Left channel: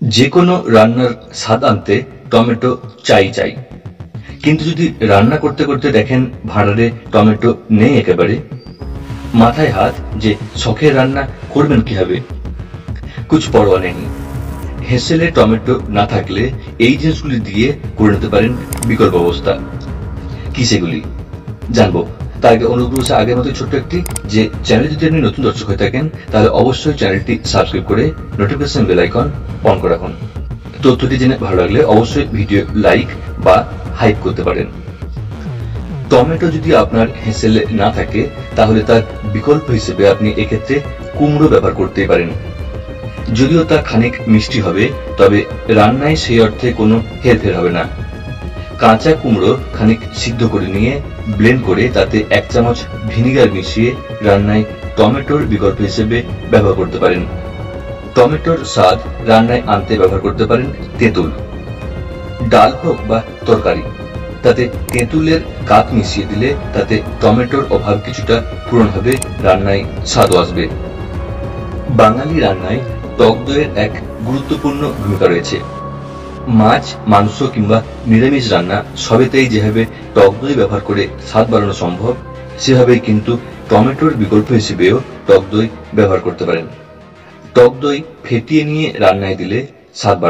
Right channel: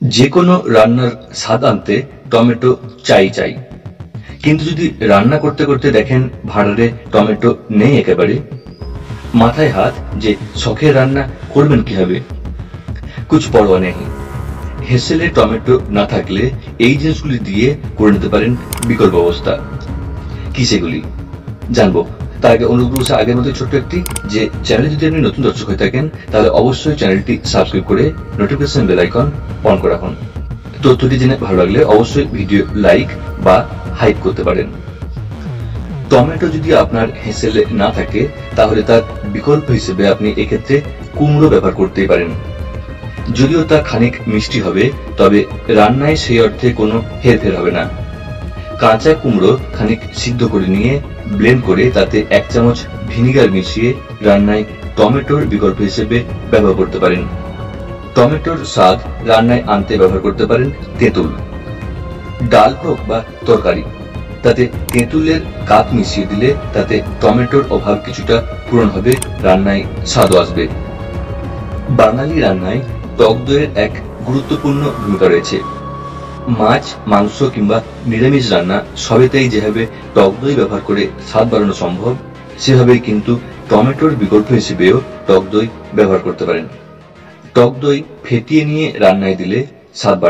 যে কোনো রান্নার স্বাদ আনতে টমেটো চাই। কিন্তু যদি রান্না করতে করতে দেখেন ভাঁড়ারে টমেটো নেই একেবারে, মাথায় হাত যে শখের রান্না করবেন কিভাবে, কুছ পরোয়া নেই। হেসেলে টমেটো না থাকলে এই জিনিসগুলি দিয়ে করে নিতে পারেন বিকল্প ব্যবস্থা। কি সেগুলি জানবো তার আগে অনুরোধ করছি আগের মতো ছোট্ট একটি যে চ্যানেলে যদি আপনি নতুন দর্শক হয়ে থাকেন তাহলে অবশ্যই চ্যানেলটি সাবস্ক্রাইব করে নোটিফিকেশন বেল আইকন অন করে রাখুন। তথ্যটি জেনে ভালো লাগলে অবশ্যই ভিডিও লাইক বা হাইপ করতে পারেন। টমেটো যদি আপনার হেসেলে না থাকে তাহলে তার বিকল্প হিসেবে আপনি এক্ষেত্রে কুমড়ো ব্যবহার করতেই পারেন। যদিও তা খানিক মিষ্টি হবে, তবে রান্নায় সেই অর্থে কোনো হেরফের হবে না। কাঁচা কুমড়ো খানিক সিদ্ধ করে নিয়ে ব্লেন্ড করে তাতে 1 চামচ ভিনিগার মিশিয়ে রান্নায় টমেটোর বিকল্প হিসেবে ব্যবহার করতে পারেন। টমেটোর স্বাদ রান্নায় আনতে ব্যবহার করতে পারেন তেঁতুল। ডাল হোক বা তরকারি, তাতে তেঁতুলের কাত মিশিয়ে দিলে তাতে টমেটোর অভাব কিছুটা পূরণ হবে, রান্নায় স্বাদও আসবে। বাঙালি রান্নায় টক দইয়ের এক গুরুত্বপূর্ণ ভূমিকা রয়েছে। মাছ, মাংস কিংবা নিরামিষ রান্না সবেতেই যেভাবে টক দই ব্যবহার করে স্বাদ বাড়ানো সম্ভব, সেভাবেই কিন্তু টমেটোর বিকল্প হিসেবেও টক দই ব্যবহার করতে পারেন। টক দই ফেটিয়ে নিয়ে রান্নায় দিলে স্বাদ বাড়বে।